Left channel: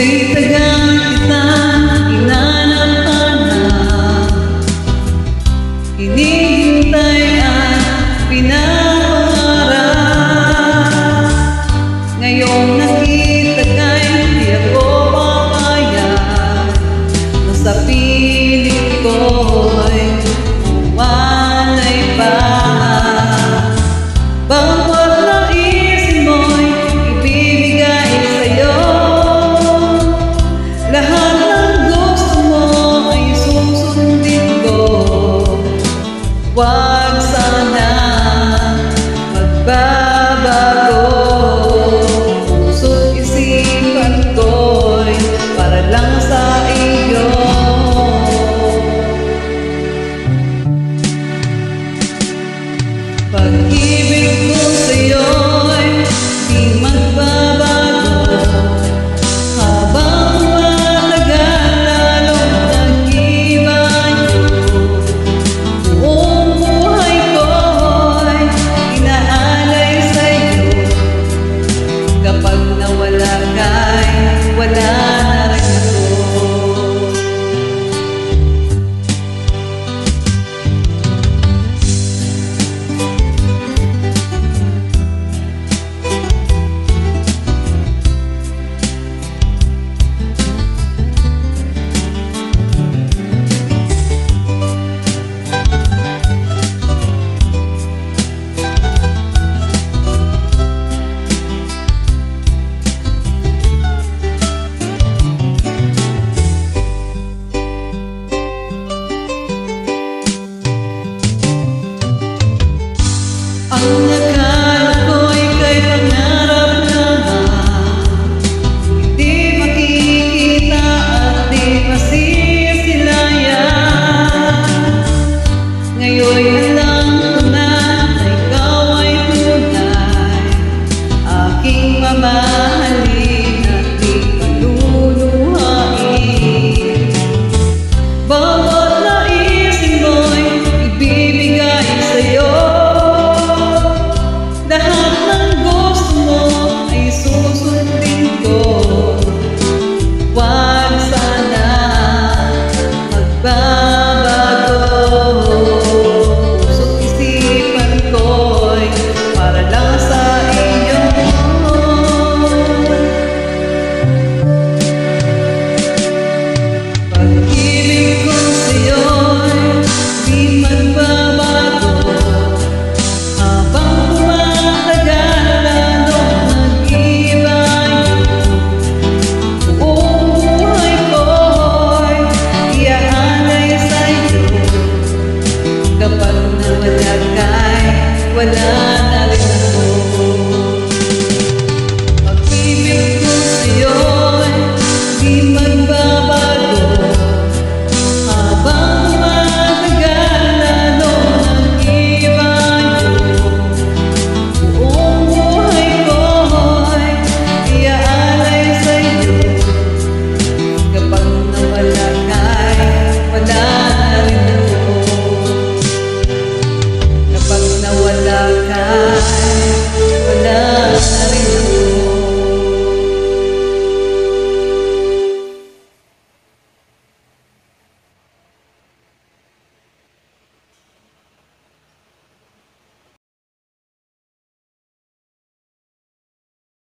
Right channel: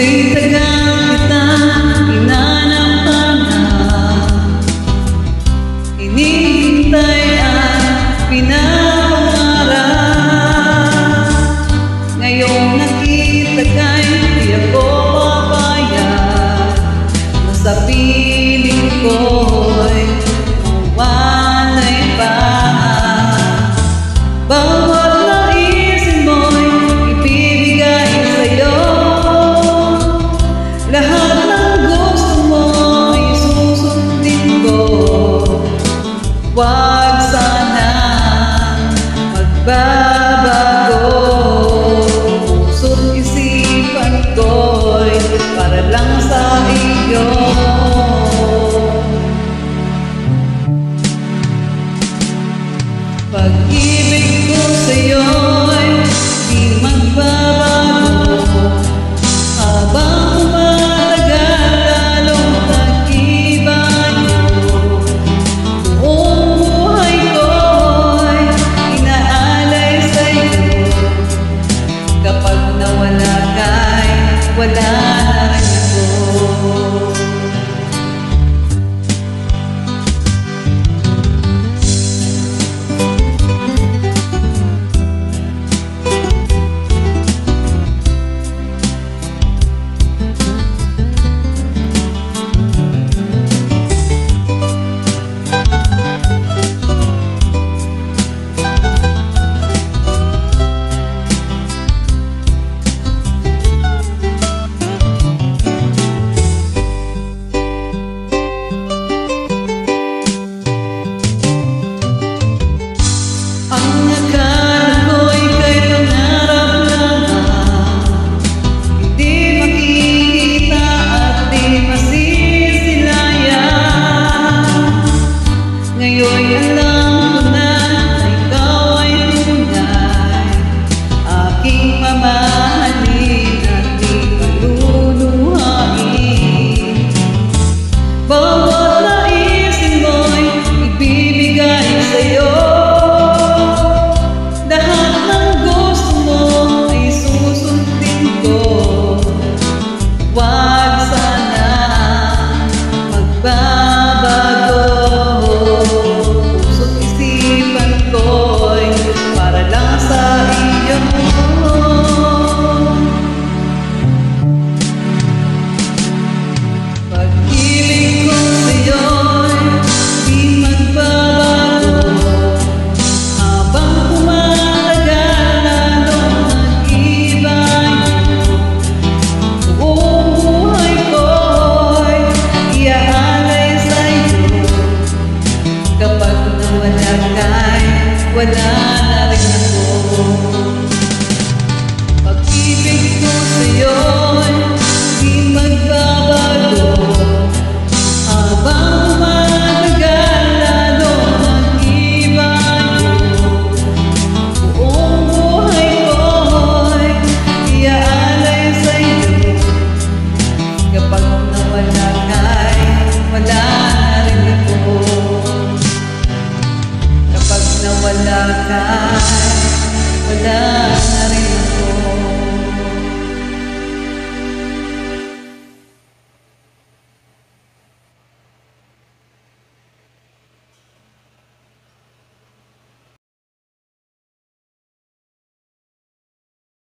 Kay tagal kitang hinanap-hanap, hinihintay at pinapangarap. Ngayong nakita ka'y di ako papayag na sa piling ko'y mawalay pa. Bawat naisin mo'y ibibigay sa'yo, lahat ng gusto mo ay susundin ko. Huwag sana magbabago, puso't isipan ko'y para lang sa iyo. Pag-ibig ko sa'yo'y di magbabago, habang tumatagal lalong nag-ibayo. Buong buhay ko'y inaalay sa'yo, kapag nawala ka'y wala na rin ako. Ang akala ko'y kay pangarap lamang, hindi makikita at di masisilayan. Ngayon'y alam ko na ikaw ay tunay, aking mamahalin at di paluluhain. Bawat naisin mo'y ibibigay sa'yo, lahat ng gusto mo ay susundin ko. Huwag sana magbabago, puso't isipan ko'y para lang sa iyo. Pag-ibig ko sa'yo'y di magbabago, habang kapag nawala ka'y wala na rin ako. Pag-ibig ko sa'yo'y di magbabago, habang tumatagal lalong nag-ibayo. Buong buhay ko'y iaalay sa'yo, kapag nawala ka'y wala na rin ako. Kapag nawala ka,